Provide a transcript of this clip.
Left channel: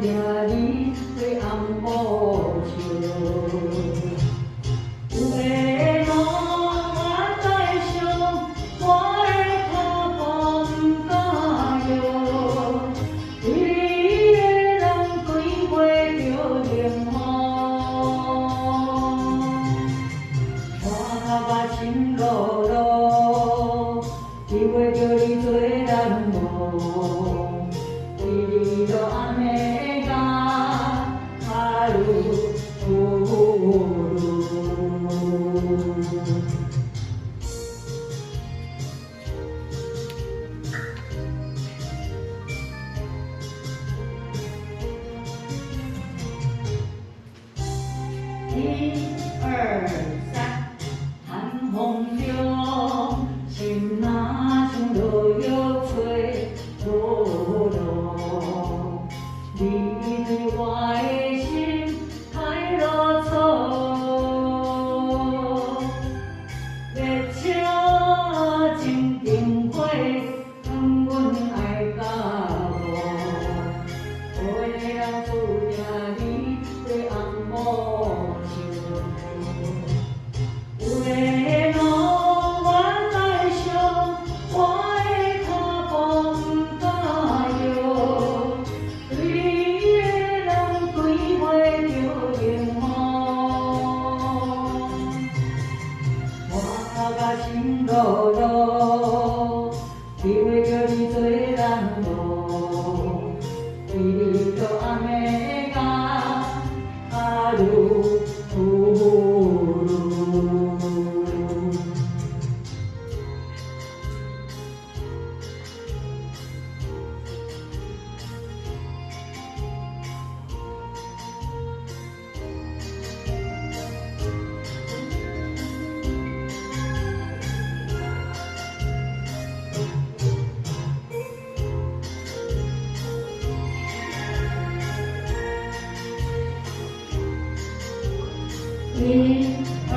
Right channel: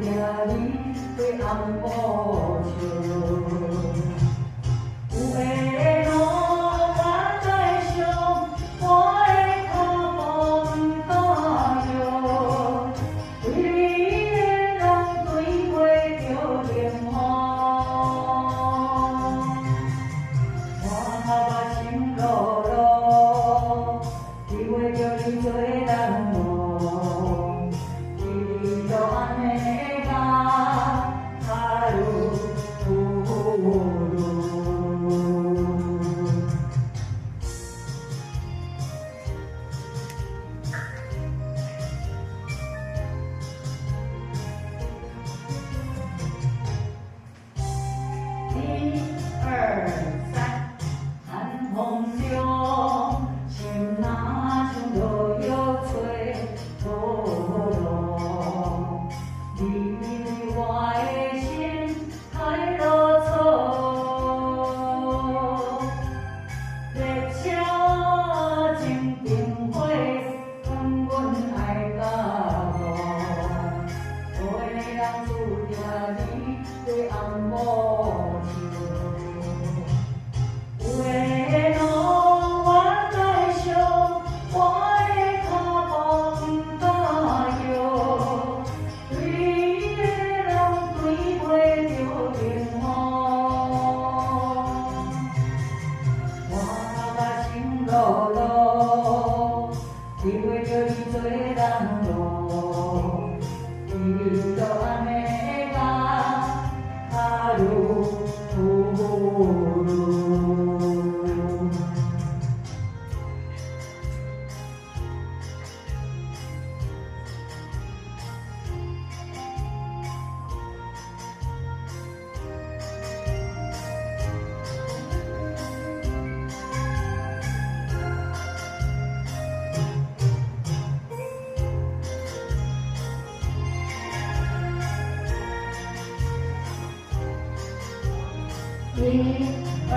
定你对红布笑。有的路我在想，我的脚步不敢摇，对你的人对袂着冷雨，山头啊心落落，见袂着你做人路，为着暗的甲踏入土路。一二三，寒风中，心若像落叶吹波浪，你对我的心太落错。列车前灯火，劝阮爱甲无，无的人注定你对红布笑。有的路我在想，我的脚步不敢摇，对你的人对袂着冷雨，山头啊心落落，见袂着你做人路，为着暗的甲踏入土路。一二